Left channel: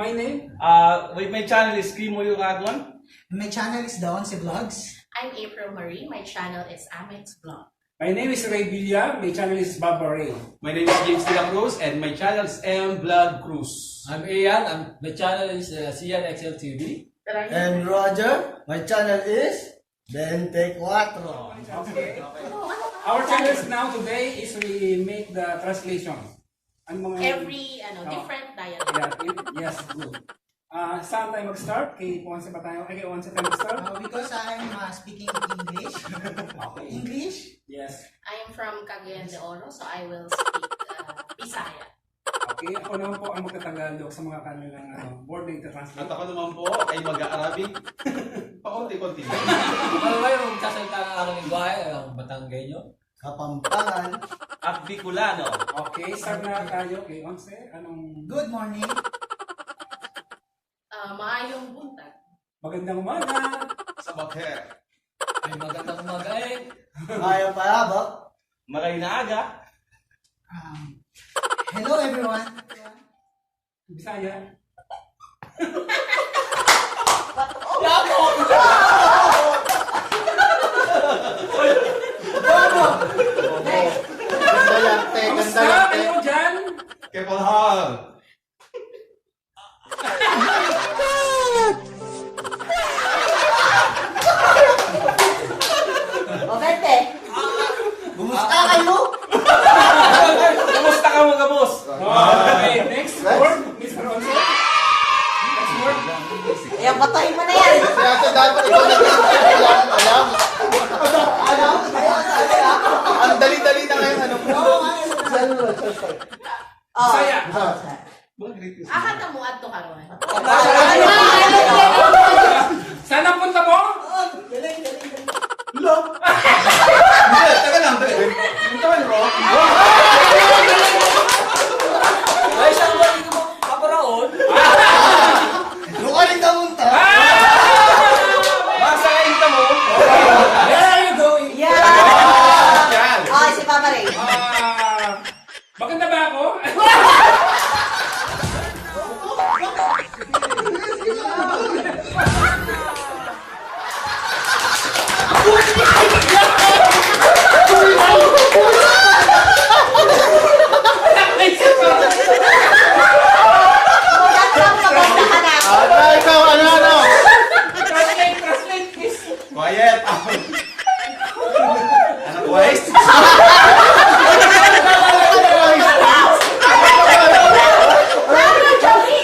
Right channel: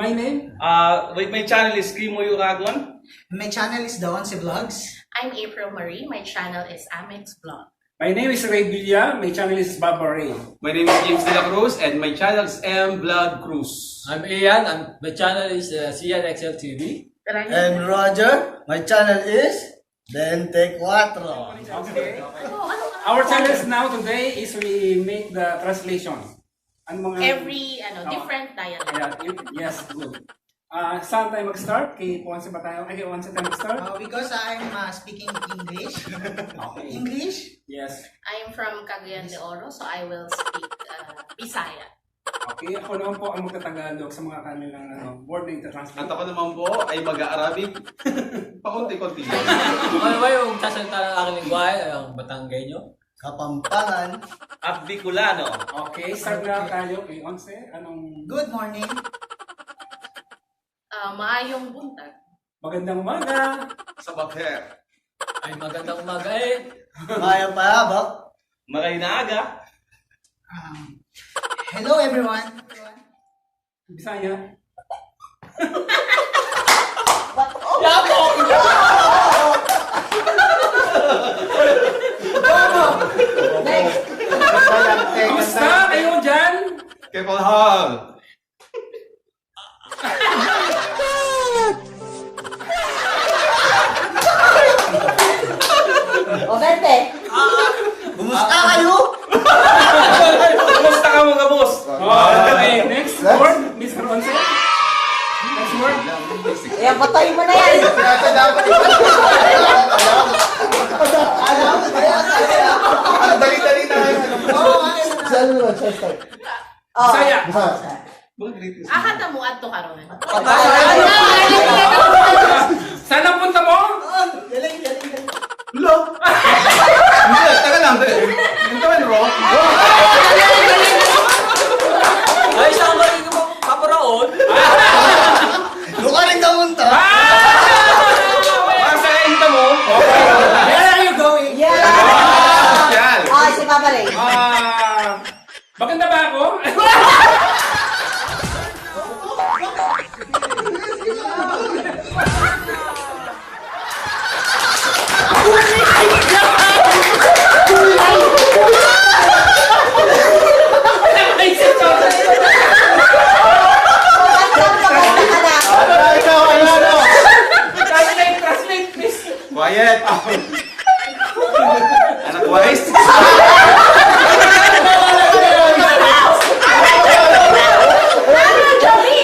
My name? My channel is Kimo Yuragwan. My channel is Dawansi Vlogs. I'm April Marie. My channel is Amex Vlog. My name is Ray Villa. My channel is Baba Ray. My name is James De La Cruz and my channel is M Blood Cruz. I'm Ian and my channel is CNXL TV. And Roger, my channel is 24. Okay. Our challenge now today is we make the translation. Ang mga Every different dialect. Yes, good. Saan tayo mag-start? Kay Ponce ba tayo? Kay Ponce tayo mag-start? Because I'm speaking English. Okay. English? Yes. I'm from Cagayan de Oro, so I will speak Bisaya. Okay, ako naman po ang magtatagalog sa mga kanilang board na translate. At ako naman po ay mag-Arabic. Paunti-kunti. Ano ba yung sasalita ng aking lingwahe? Ang Batanggenyo? Kapampangan. At Bicolano. Okay, start na tayo kay Once. Anong Good morning. Maayong buntag. magandang umaga? Sa bakher. Ay magandang umaga eh. Maya payabak. Magay na aga. Hello everyone. Bisaya? Kamusta kayo dyan? Kepalhal. Kumusta kayo? Kumusta ka mga boss? Okay, next word, Mr. Once. Next word. Ayan, patay mo na yan. Dali-dali na kayo. Bisaya. Ahata mo adto karon. Saan ang punta mo? Lo. Hindi, taga lang. Hintayin mo. Ay, saan ba yung kaparaon? Luka rin kamunta. Basta kainta mo. Where are you going? Yeah! Yan. Ay, si Papa Ray. Maganda ba ako? Ikaw, ano? Translate, please. Quiet. Anak wise.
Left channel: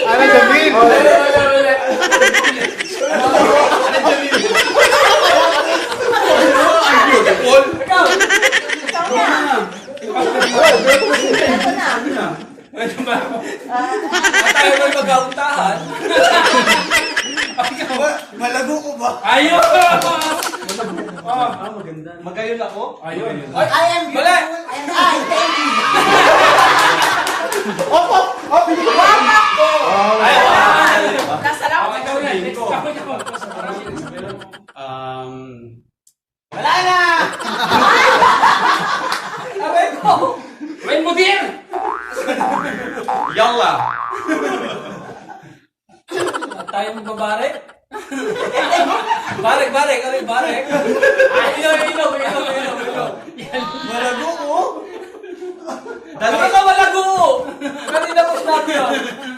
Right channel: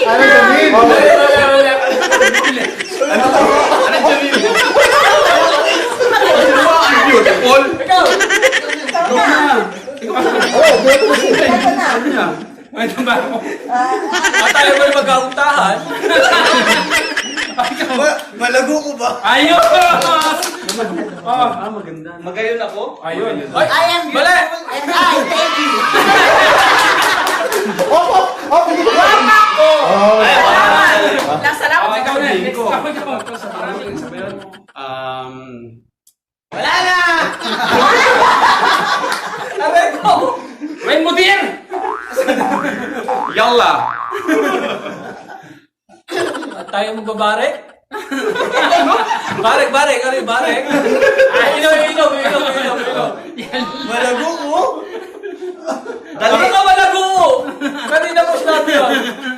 Ano gawin? Beautiful. Maganda ba ako? At tayo ba mag-auntahan? Malago ko ba? Ayun! Oh, Magayon ako. ayun. I am beautiful and I thank you. Salamat. Ikaw na. Next, ikaw. Wala na! Aray ko! Wen Mudir! Yalla. At tayo magbabarek? Barek. Ano yung barek? Ilaw. Malago ko? Ano ka malago? Kanina mo sinabi yun.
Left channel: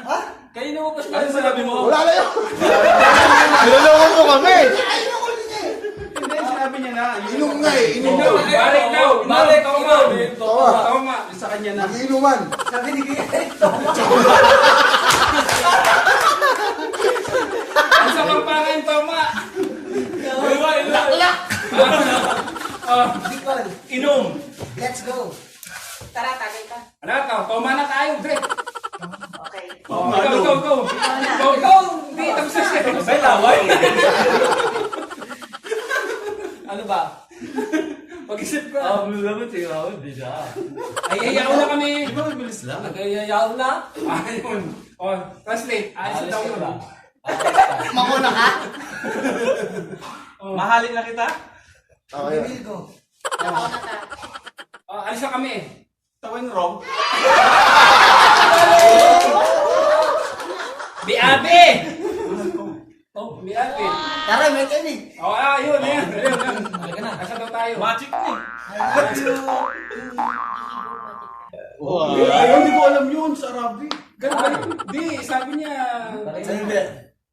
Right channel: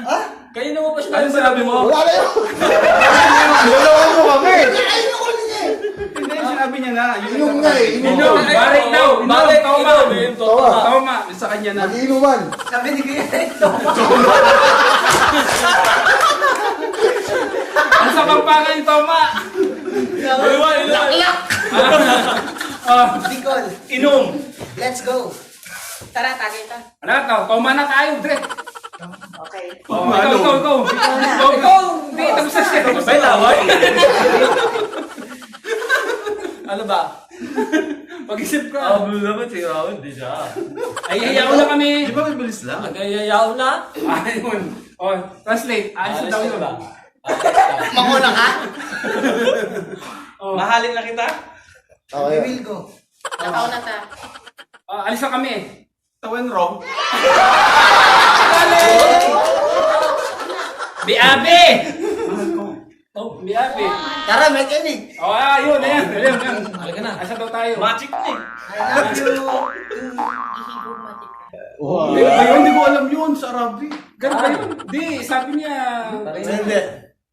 Ha? Kanina mo pa Ano sinabi mo? Wala na yun. Niloloko mo kami. Hindi, sinabi niya na. Inom nga eh. Inom Inom. daw. Barek daw. Barek, Toma. Toma. Toma. Sa kanya na. Mag-inuman. Sabi ni Kuya ito. Ang sa pangpangan, Toma. Laklak! Bicol. Inom. Let's go. Tara, tagay ta. Ano to? Toma na tayo, Dre. Okay. Oh, ikaw. Hindi, tapos siya. May laway? Ano ba? Pag-isip ko. Naman siya. Hindi siya. Ay, ayaw na kami. Di ba mabilis lang? Nagayayaw na? Ayun. Oh, translate. Alis daw yun. Manguna ka? Mahalin na kita. We will go. Nakaw na ta. Alis na kami. Tawin wrong. Biabi! Oh, biabi. Tara, mechanic. Oh, yun. Halika na. Asa daw tayo? Magic na eh. I love you. Ayun, hindi ko alam yun sa Arabic. Ganun ba yun? Di, sabi niya. Hindi.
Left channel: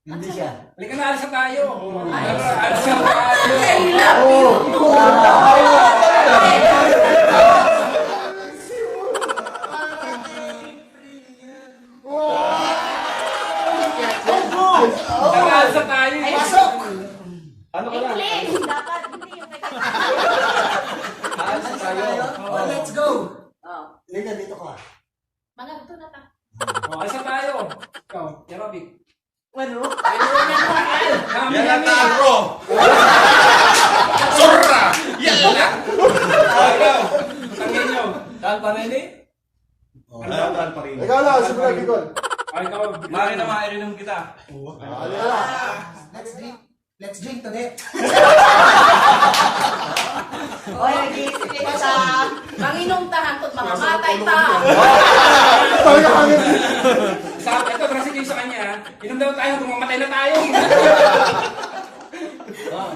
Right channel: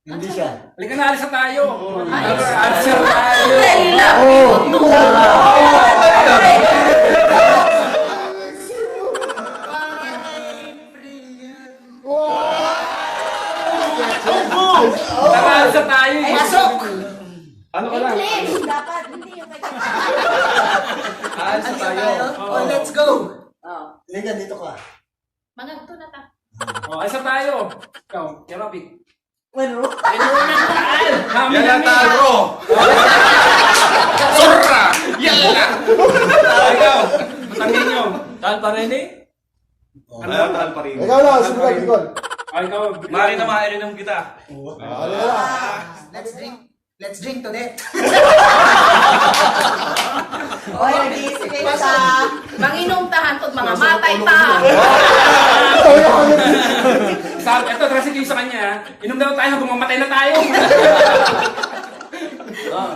Hindi siya. Halika na, alis na tayo. Alis na tayo. I love you too. Tara, alis na tayo. Pasok! Ano ka lang? English. Dapat hindi yung Alis na tayo. Oh, let's go. Liga, dito ka. Mga ito na ta. Oh, alis na tayo. Ikaw, Kerabi. Ano? Kami Yan ang namin. taro. Sobra. Yan lang. Ikaw, batangin nyo. Tal pa rin eh. Ano ang taal pa rin? Ikaw lang, sumunod, Nicol. Ikaw, Mari na maiinom kita. Let's drink. Let's drink today. Oy, nag-iisip ka sa... Manginom tahan to mga matay ta. Ito, drastic yung sa kanya. Inom daw tayo hanggang mamatay na tayo.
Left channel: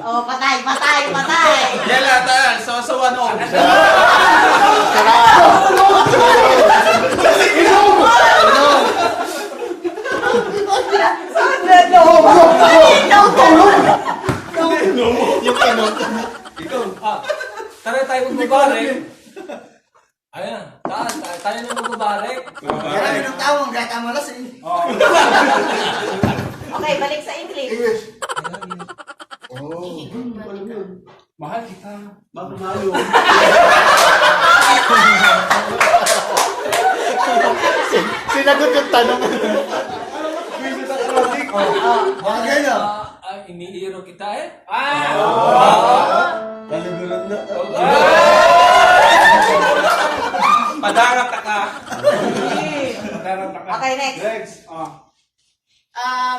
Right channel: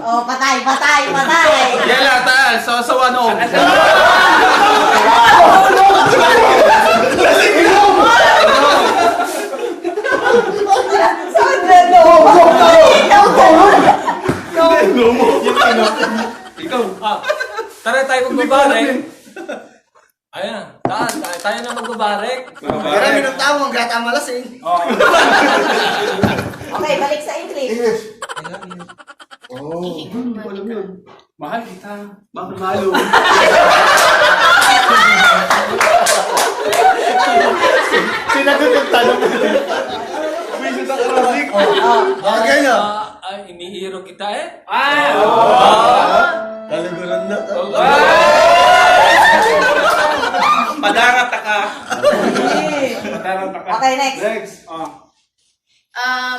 Oh, patay, patay, patay. Yan lang, taal. Sasawa no. Saan ba ito? Ikaw. Tara tayo magbabarek. Ayan, tayo na magbabarek. Kaya minong tao, ang gata malas eh. Oh. Okay, balik sa English. English. Mahal kita. Bakit malo? Sinagot yung tanong. Bagay na. Ay, inihiro kita eh. Kaliguran na. Padarat ka. Okay, next. Next. Oh.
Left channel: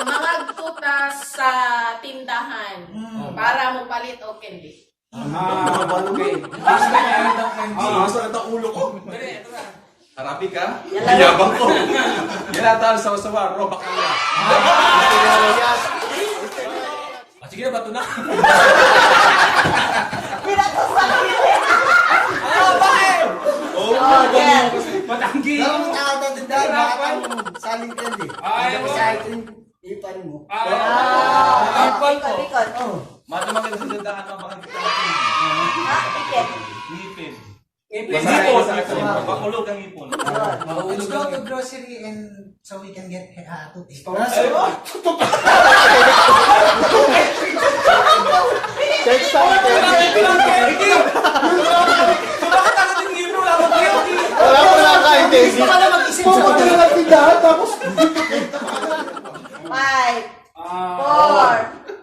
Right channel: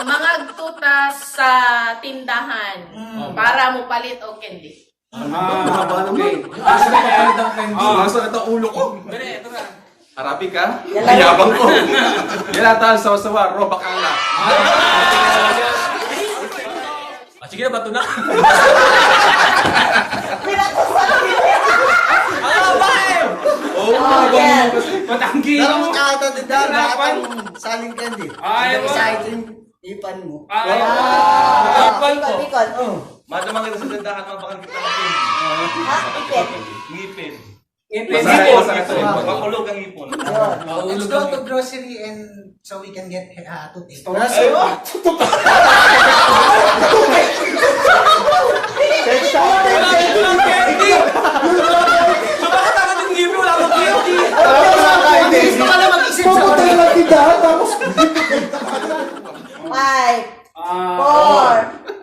Mga tuta sa tindahan para mo palit o candy. Okay. Sumasakit ang ulo ko. Ito na. Harapi ka? Mayabang ko. Yan lang, taal. Sasawa. Robak ang lang. Sige na, bato na. Oh, yeah. Matanggi. Tara mo kakata din dahil makatang saling candy. Ay, Ito sa itin, ipan mo. Bicol, Bicol. Madamang ito sa dandahan ng bakang kita natin. Ipit. Ngipin. Ipin. Ngipon. Makulog ang ngipon. Let's go to grocery and so we can get toothpaste. Bakit ako yung ngipin? Wala akong candy. Hindi ka lang mag-isip sa orin. 5, 4.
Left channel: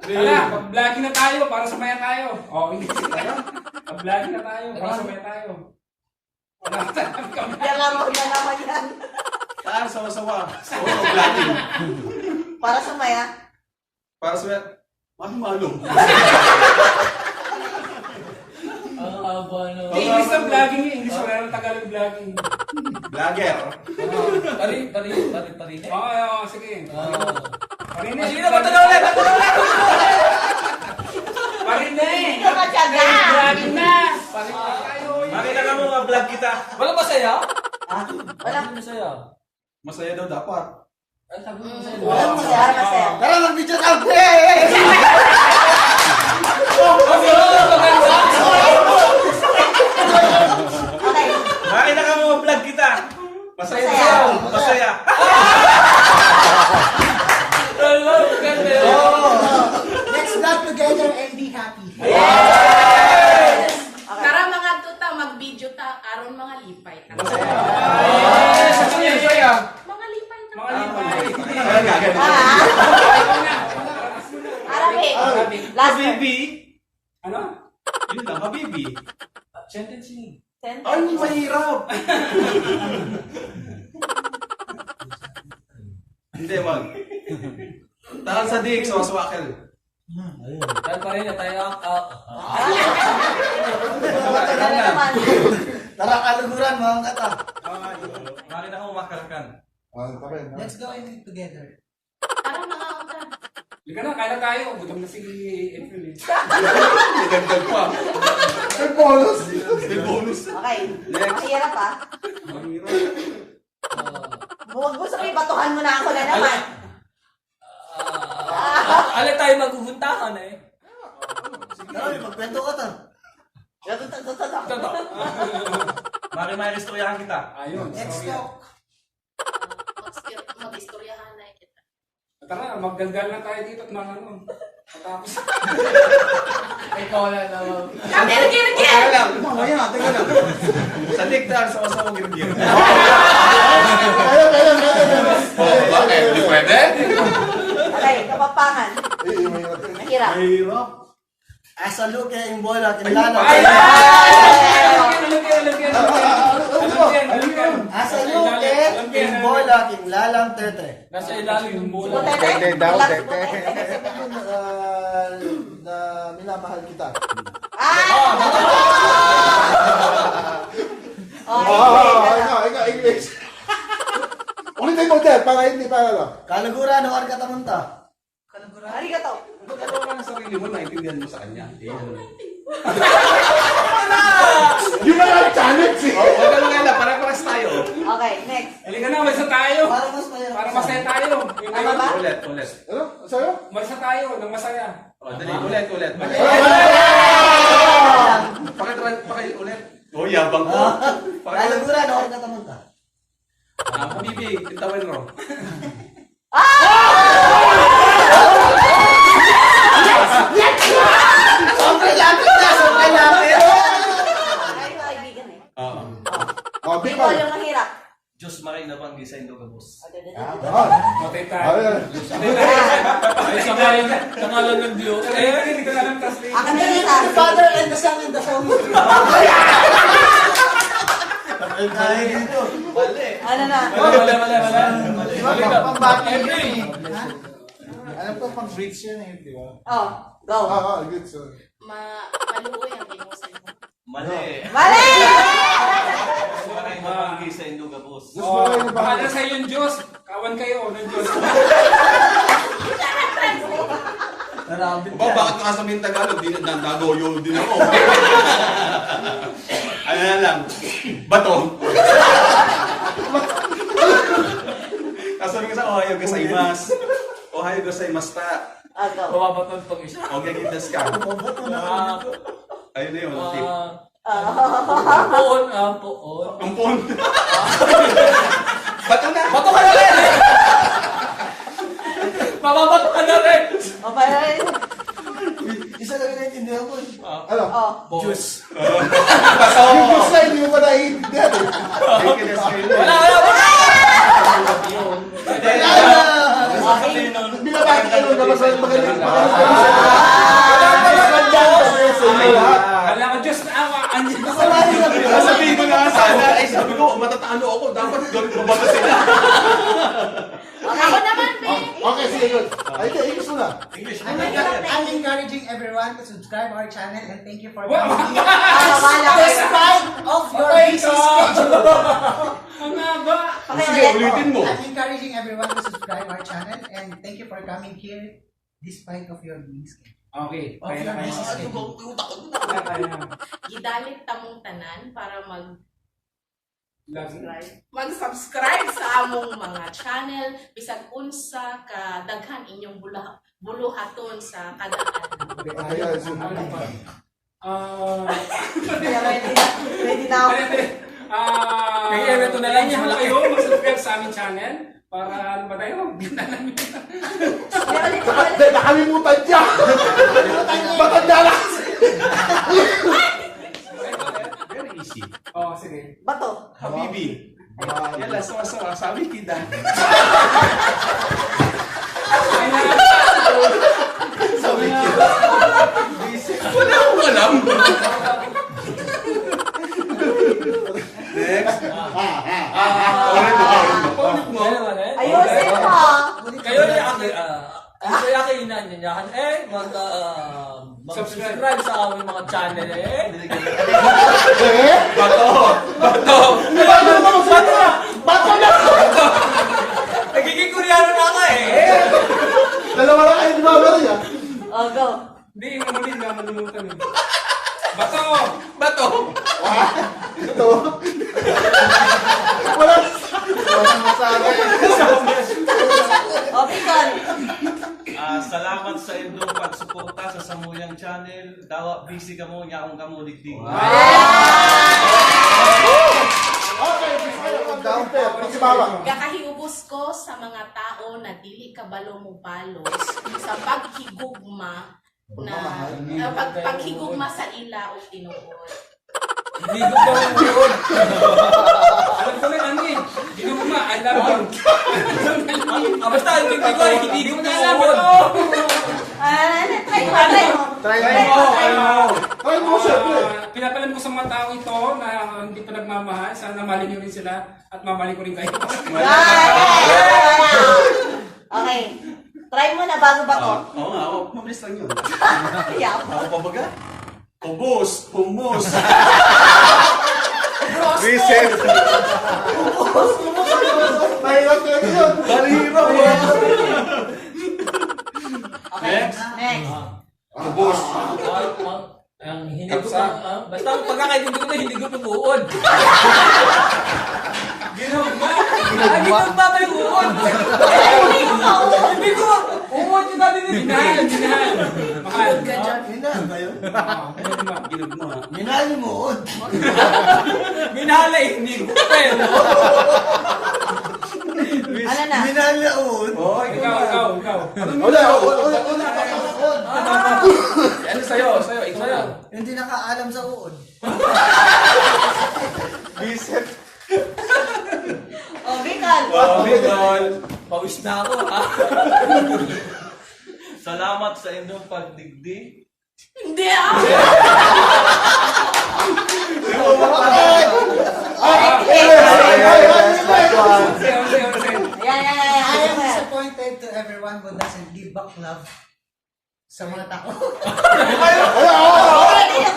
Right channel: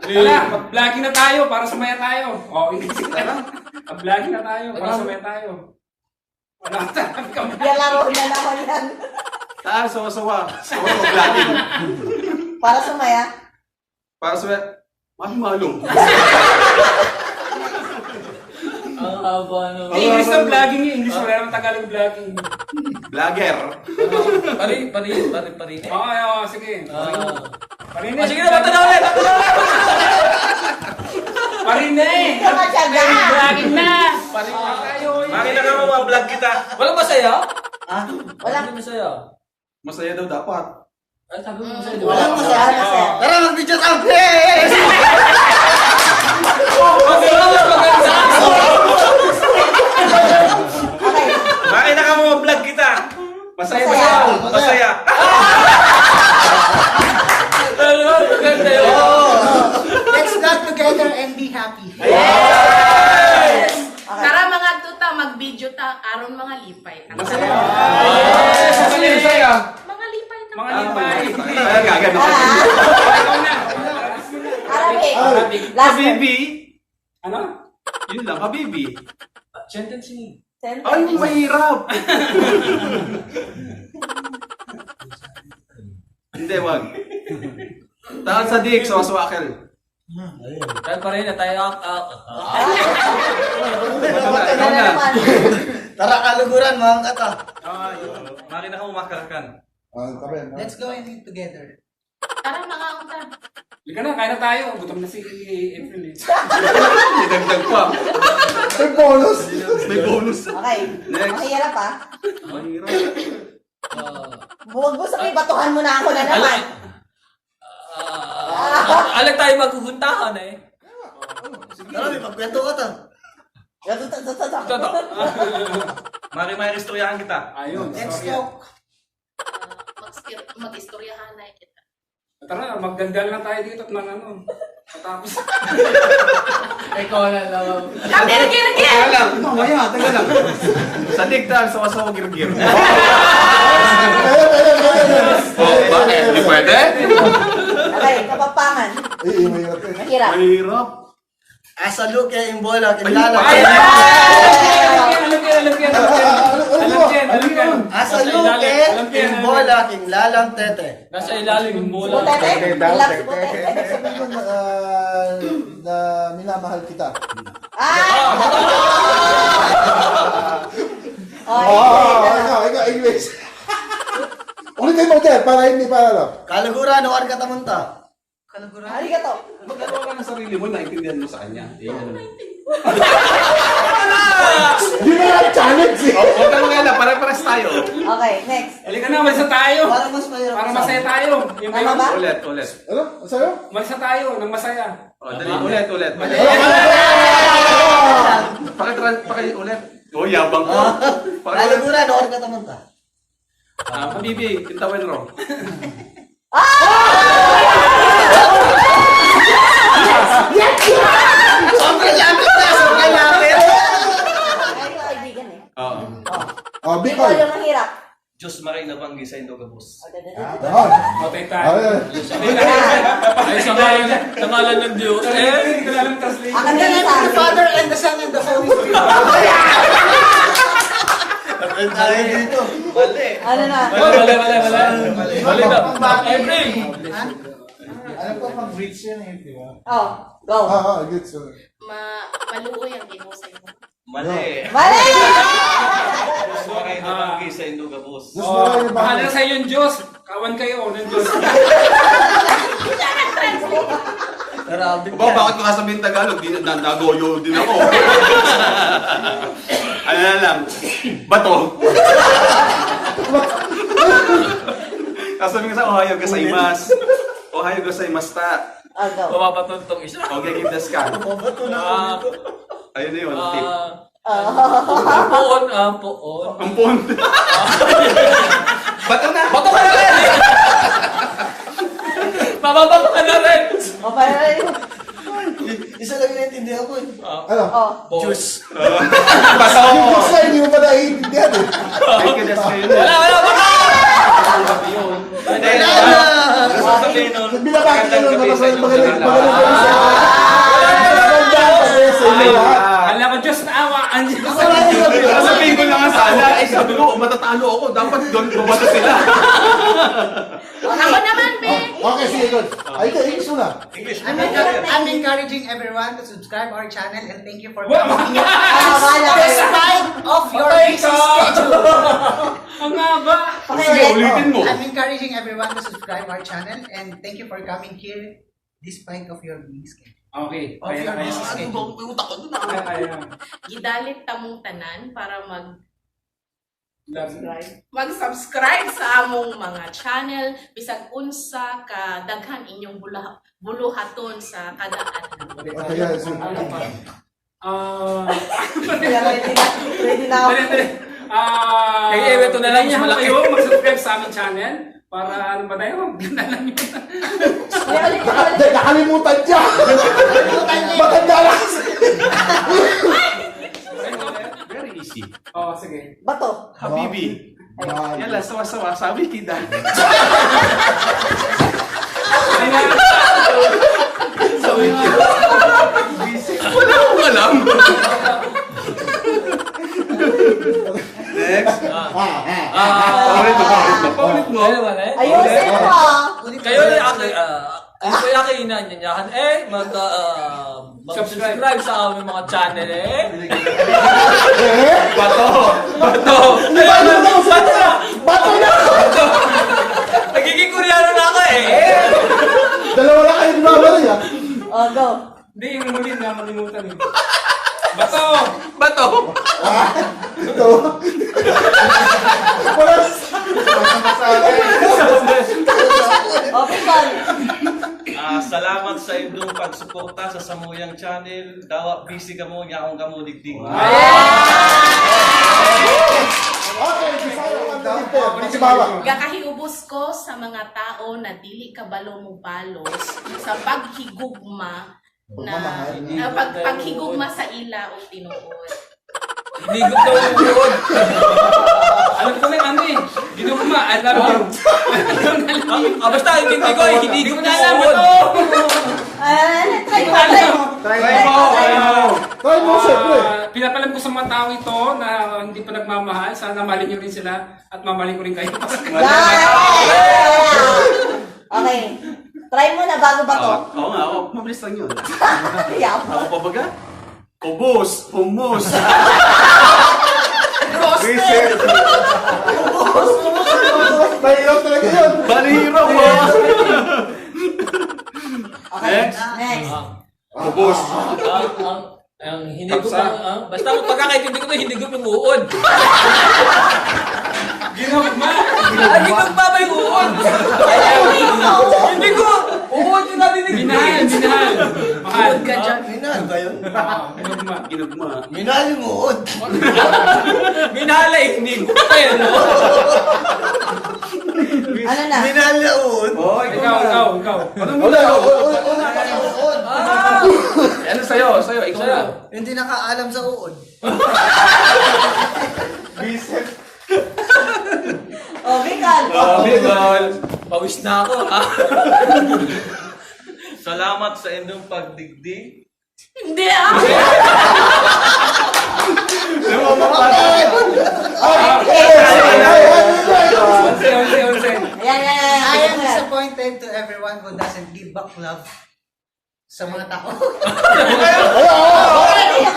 Tara, mag-vlogging na tayo para sumaya tayo. Oh, hindi tayo. Mag-vlogging na tayo para sumaya tayo. Wala kami. Lalaro na naman yan. Taal. Sasawa. Sasawa. Vlogging. Para sumaya. Para sa... Malo. Ang haba no. English na vlogging eh. English wala nang Tagalog vlogging. Vlogger. Pari. Oo, sige. Parinig. Sige na, bato na ulit. Parinig. Hindi ka matyaga. Vlogging na. Parinig na tayo. Makita ka mo ma-vlog kita. Walang masaya? Walang Walang masaya. Masaya daw dapat. Ay, sabi mo masaya. Walang masaya, masaya. Tara, mag-video tayo. Hey! Okay. Makita ka mo ma-vlog kita. Masaya. Masaya. Let's vlog together and be happy. Tara mga tuta, mag-video ta. Aron mga lipay. Masaya. Mga lipay ta. Mga lipay. Kaya gagano. Arabic. Last one. Habibi. Ano? Yun lang, habibi. Sentencing. Ay, mahirap. Hindi, wag. Taal sa dik, sawasawakel. Tayo pa rin na tayo. Bato na naman. Tara, kaliguran, mga kata. Makita ka mo makarakan. Let's go and eat together. Tara mga unta. Liga na, kain na tayo. Gutom na si April eh. Dagdag pa. May bonus. May bonus. Okay. Next. Mahirap ah. Mahirap. Huwag mo sabihin, batuhan mo na ako na naman. Alam tayo magpupuntahan eh. Tara, may pagkwento ka ta. Toto. Mari-mari istoryahan kita. Ayun, Let's sorry. talk. Mag-istoryahan na kita. Tara, magdandal na tayo dito at mga ano. Matapos. Ikaw na naman. Kami, Teka Gil! lang. Mamaya, teka lang. Sa ligtaan, sama-sama girgir. Kaya. Oh, bakit? Hindi pwede? Okay, kapampangan. Mahirap. Mahirap. Mahirap. Asa luke yung bola, kilala. Ay! Alam yan. Asa luke yung bola, lalang tete. Nasa ilalim ng bola. Butete? Relax, butete. Ibig sabihin na minamahal kita. Ah! Oh, Ikaw, English. Ulitin mo, Ter, para hindi pa ano. Kalagura, no arka tamunta. arigato. Magkano ka ng sarili mo, naintindihan mo sa kanya. Yun. Di ba ang challenge eh? O, tanong nga lang, pare-pares tayo. Okay, next. Halika na, umalis na tayo. Parang mas mahirap. Para masaya tayo. Yung Ano ba? Ulit. Ano? Sa'yo? Umalis na tayo ng masaya. O, dali, ulit. Ulit. O, yabang ko. Kalagura, no arka tamunta. Habibi, pintawan ro. Sobrang lapit na, sobrang lapit. Tayo kaibigan eh. Oo. Oh, Ikaw Bicol. yung mahirap. Diyos maray na banggi sa Indogabos. Ah, Matay tayo. Ay, sa ngalan ng Diyos. Hindi ko lang translate. Akan na sa The Father and the Son and the Holy Spirit. Ay, dito. Ano na? Mali daw. April. ano pa pang bridge yan eh, di ba? Oh, go. Good. So, Maluoy ang ginusay mo. Mali. Mali! Diyos maray na banggi sa Indogabos. gusto mo kayo ba? Bahala sa iyo yung Diyos. Kawan kayo ng Diyos. Narabit Ba, bakit nakasabihin Tagalog? Di na nagoyo din ako. Ano na lang? Bato. Kasabi nga sa Ohio gozaimasu. Ohio gozaimasu ta. Oh, go. Mababaton tong isa. Okay, desu ka? Ayun na yun, tip. Poon. Ampun. Bato na. Bato ka na rin! Mababato ka na rin! Oh, para rin. Isa lang yung naintindihan ko. Ano? Oh. Juice. Yung books na hindi mo pa naiintindihan eh. Okay, desu ka yun. Wala! Binabati ka nun, magaling Kala ko Diyos na awaan niyo. Sabihin ko na nga sana, sabi ko, matatalo ako, dapat doon mabato sila. Ako naman, be! Okay, sige, good. Ay, ito, English muna. I'm encouraging everyone to subscribe our channel and thank you for Wow. coming Bahala kayo. despite of your busy schedule. Ang haba. Sige, ulitin mo. I'm encouraging everyone to subscribe our channel and thank you for coming here despite of your busy schedule. Okay. Of your busy schedule. Kaya. Gidalit tamong tanan para Subscribe. mag-subscribe sa among mga channel bisag unsa ka daghan inyong buluhaton sa kada adlaw. Okay, so, Ano pa? Ready na ako. Kaya ito na lang, Kaya malaki. kayo mag-subscribe sa aming channel para ano ba tayo? Ganda lang yun. Ulit. nakalimutan niya. Matanda na kasi. Very easy. Oh, sige. Bato. Habibi. Yan lang, sawa-sawa. Sabi tida. Wala akong alam. Next. Paulit mo. Ayusin mo. Kayo yung inanyanyahan mag-subscribe sa aming mga channel Bato. Bato na! Bato na! Nagiging Koreano na ako Dalawa lang kayo gumagano'n ah. Oh, go. Hindi, yung huli na malimutan eh. Bato! Bato! Ito. Wala. Okay, Carl. Salamat sa inyong pagsuporta sa Samuyang Channel. Dawa busy ka mo, yaong ka mo digdig. Okay, Bisaya ang galing po. Si Mama. Gakahiubos ko sa mga tao na dili kabalo mo balos sa paghigugma na paghigugma sa ila o tinuod. Hinigog daw ang uod. Alam ko na yung ano eh. Ginugma, I love you. Basta yung kindi ko, hinigog na ang uod. Try mo, try mo. Try mo, siyempre. Pinapalam ko sa mga tao ito na hindi pa nagmamahal. Sana mahalin niyo rin sila at mamahalin ko rin kayo. Okay. Try mo na bago ba to? Oo nga, oo. Mabilis lang yun. Yeah. Ako pa baga? Kubos! Humus! Reset. Mahirap talaga yun. Balihiro! Okay. Next. Kubos! Ang hinigog basta kung pagkakaintindi ko ito, hinigog yung uod. Ginugma! Hinigog ba ba yung uod? Hinigog! Uod yung natin Minahal, minahal. Mahal. Ka dyan. Minahal ba yun? Ginugma. Ginagma. Minahal yung uod. Minahal ay hinigog pa yun. Ano na? Minahal na uod. Oh, Ikaw. Una pa yung uod. Ano sa'yo? Sa'yo, ikaw na. Hindi nakaalam sa uod. Reset. Okay, Carl. Bigol! Pawis na ako. Salamat sa inyong pagdigdig. Hindi ah! I am disappointed to everyone who doesn't give back love sa mga tao.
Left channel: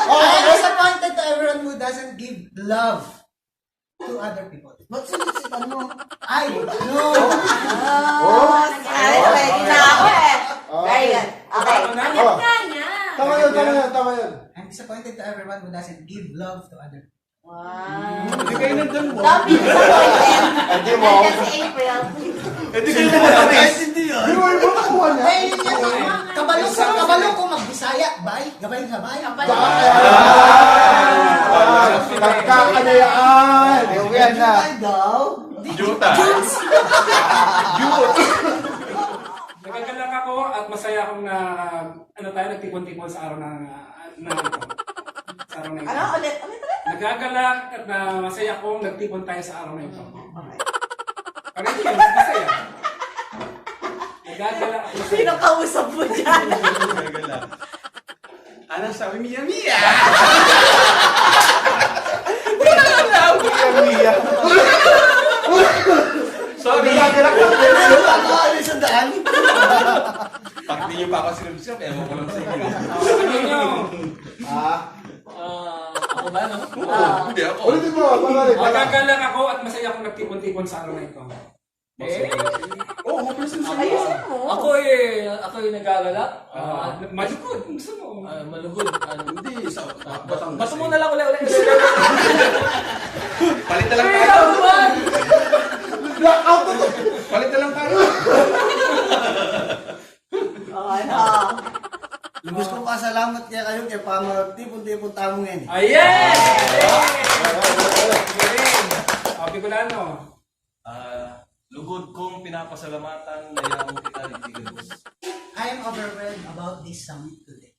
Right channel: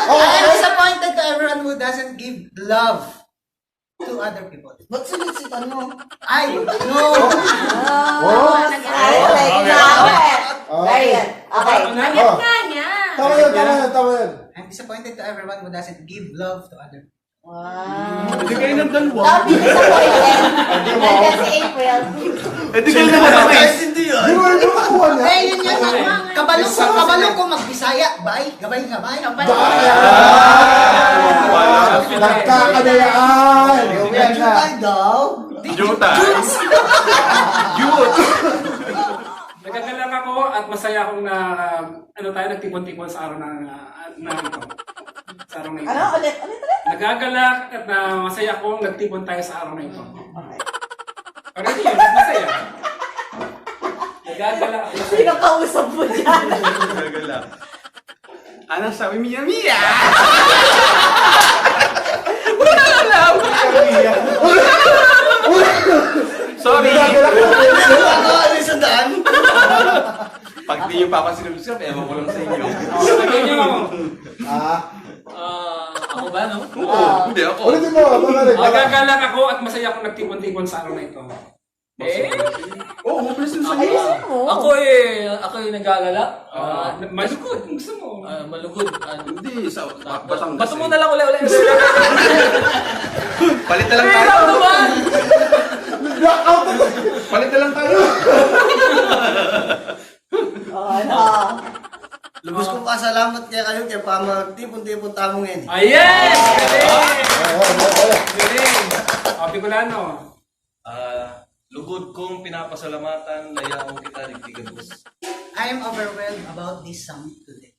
I am disappointed to everyone who doesn't give love to other people. Ba't sinisitan mo? I no. Okay, very good. Okay. Agad ka niya! Tama yan. I'm disappointed to everyone who doesn't give love to other people. Wow. Hindi kayo nagdalawa. Don't be disappointed. Nandiyan si April. Hindi kayo nagdalawa. Hindi yun. Di ba yung nakuha niya? Eh, yun yan. Kabalo ko magbisaya. Bay, gabay. Kapalo. Nagkakanayaan. Yan na. Ay daw. Juta. Nagagalak ako at masaya akong na nagtipon-tipon sa araw sa araw na ito. Ano? Ulit. Nagagalak at masaya akong nagtipon tayo sa araw na ito. Okay. Parang yun, masaya. Nagagalak at masaya. Sino kausap mo dyan? Ano sabi Mia Mia? Sorry. Ano yung sandaan? Pag di nyo papasin ng bisyo, ewan ko lang sa inyo. Sabi nyo, Ako ba, no? Hindi ako. Ulitin mo. nagagalak ako at masaya akong nagtipon-tipon sa araw na ito. Oo, mabilis lang sa'yo. Ayusin mo. Ako yung nagagala. Malugod, kung gusto mo. Malugod. Hindi, sa Batangas. Bato mo na lang uli. Palit na lang tayo. Blackout na to. Palit na lang tayo. Ano? Lubos kong pasalamat kaya kayo kaya pa magtipon-tipon tamong yan. Ayan! Galing! O, Bicolano. Lugod kong pinapasalamatan na yaong kita digdigan. I am overwhelmed about this summit today.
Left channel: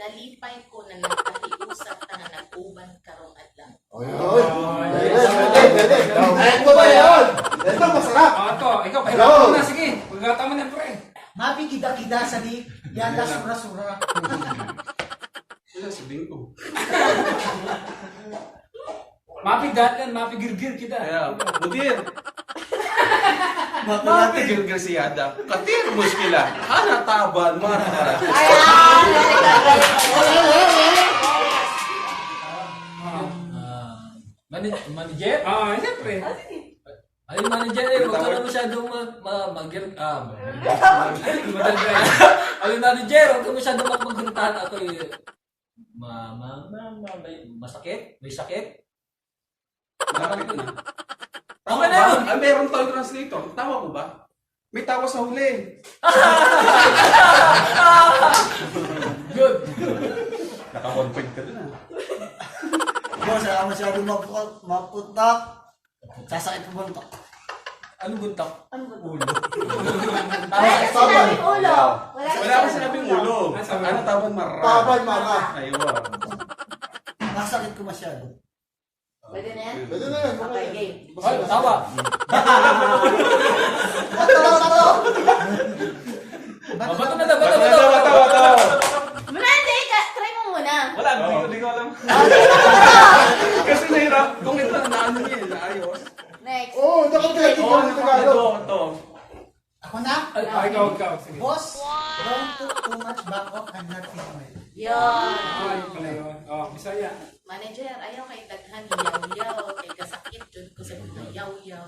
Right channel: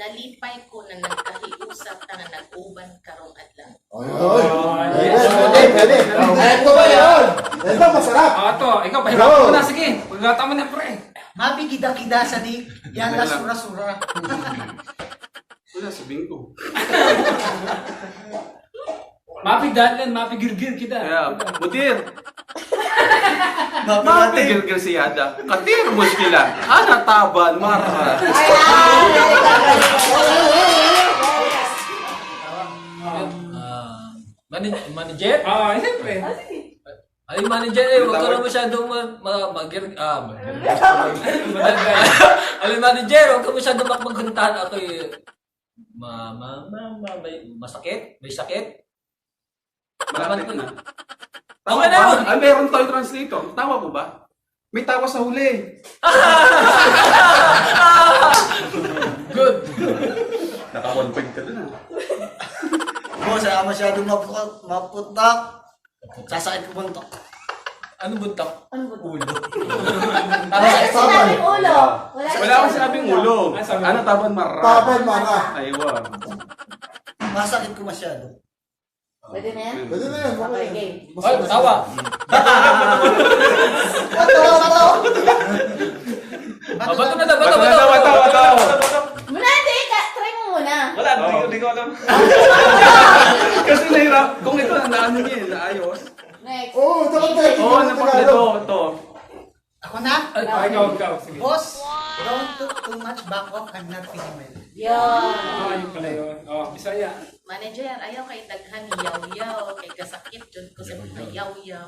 Nalipay ko na nagkahiusap na nag-uban karong adlaw. Ito ba yan? Ito masarap. Ito, ikaw, pahirapan mo na. Sige, pagkata mo na, pre. Mabigida-kida sa di. Yala sura-sura. Wala, sabihin ko. Mapigdalan, mapigirgir kita. Kaya, mutir. Mapigil si Yada. Katir mo sila. Taban, mara. Ayan! Manager? Siyempre. Ay, manager huwag ka na masyadong ay, manager, huwag ka masyadong magguntahan ako masakit? May sakit? Laban ko na. Tama Okay na yun. ba? Ay, meron tayong translator. Tama po ba? May tawa sa huli. Good. Naka-config ka na. Boss, kaya masyadong maputak. Sasakit ko buntok. Ano buntak? Ano ba? Ulo. Wala ka sinabing ulo. Wala akong sinabing ulo. Ano taban mara? Taban mara. Aywa. Masakit ko masyado. Pwede na yan? Pwede na yan. Okay, game. Ay, tawa. Bato na, bato. Muna, hindi ka. Try mo muna. Wala, hindi ko alam. Kasi nahirap. Kung ito na ano niya, naayos. Next. Oo, dapat tayo. Oo, ito. Ako na? Ay, ikaw. Sige. Boss, don't took too much back off and not feeling well. Yan. Ay, pala yun. Oh, Bisaya. Manager, ayaw kay daghan yaw-yaw, kay kasakit jud ko sa mga yaw-yaw.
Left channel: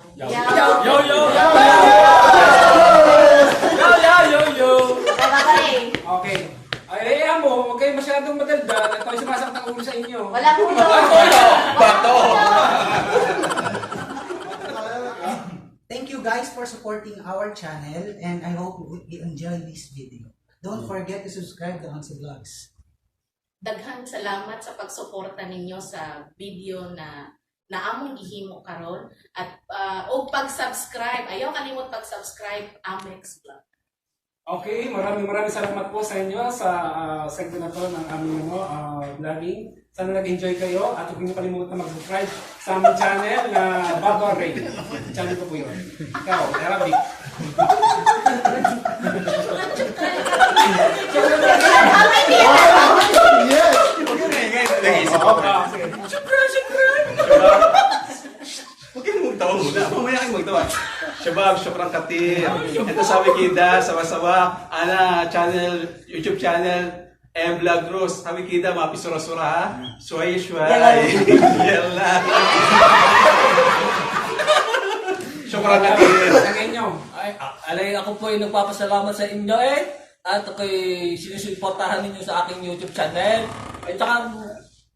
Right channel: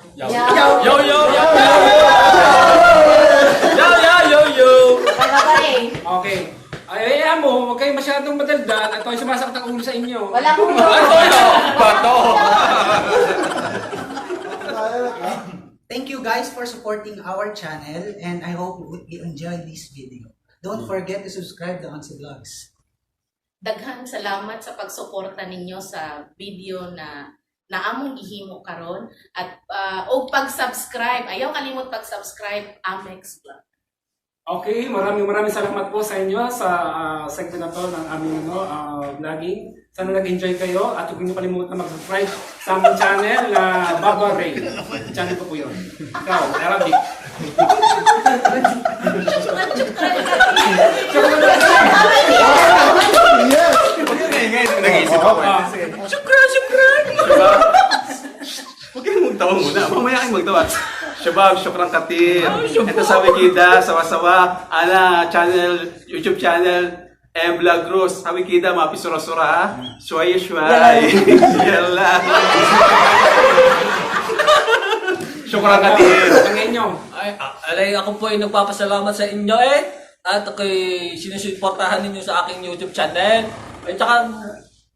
Yo. Baka pa rin. Okay. Ay, mo, huwag kayo masyadong madaldal. Ito ay sumasakit ang ulo sa inyo. Walang ulo. Bato. Thank you guys for supporting our channel and I hope you enjoyed this video. Don't forget to subscribe to Onse Vlogs. Daghang salamat sa pagsuporta ninyo sa video na naamong gihimo karon at og pag-subscribe. Ayaw kalimot pag-subscribe Amex Vlog. Okay, maraming salamat po sa inyo sa segment na to ng aming vlogging. Sana nag-enjoy kayo at huwag niyo kalimutan mag-subscribe sa aming channel na Baba Ray. Channel ko po yun. Ikaw, Arabic. Yes. Huwag kayong magtawa muna. Mamaya kayong magtawa. Shabab, syukran katir. Ito sa Wikida, sawa-sawa. Channel, YouTube channel. Vlog Rose. Sa Wikida, mapi sura-sura ha. Shuay. Yalla. Syukran katir. Ang inyo. Alay, ako po ay nagpapasalamat sa inyo at ako'y sinusuportahan ninyo sa aking YouTube channel. At saka,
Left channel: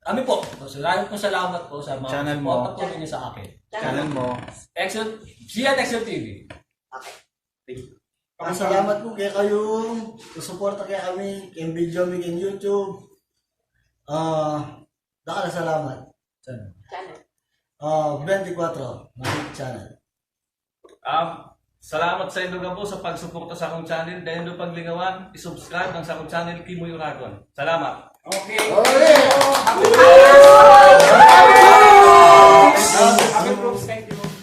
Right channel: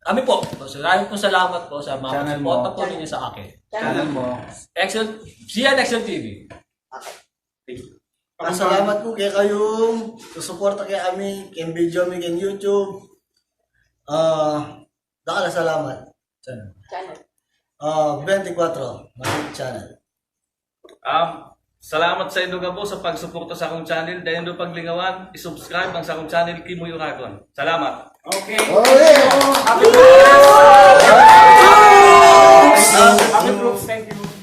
kami po, maraming po salamat po sa mga suporta po ninyo sa akin. Channel mo. Sian Excel TV. Salamat po kaya kayong susuporta kaya kami, kay video mi kay YouTube. Dakala salamat. Channel. 24 Magic Channel. Salamat sa inyo po sa pagsuporta sa akong channel. Dahil do paglingawan, isubscribe ang sa akong channel, Kimoy Uragon. Salamat. Okay. Okay. Happy Brooks. Thank you.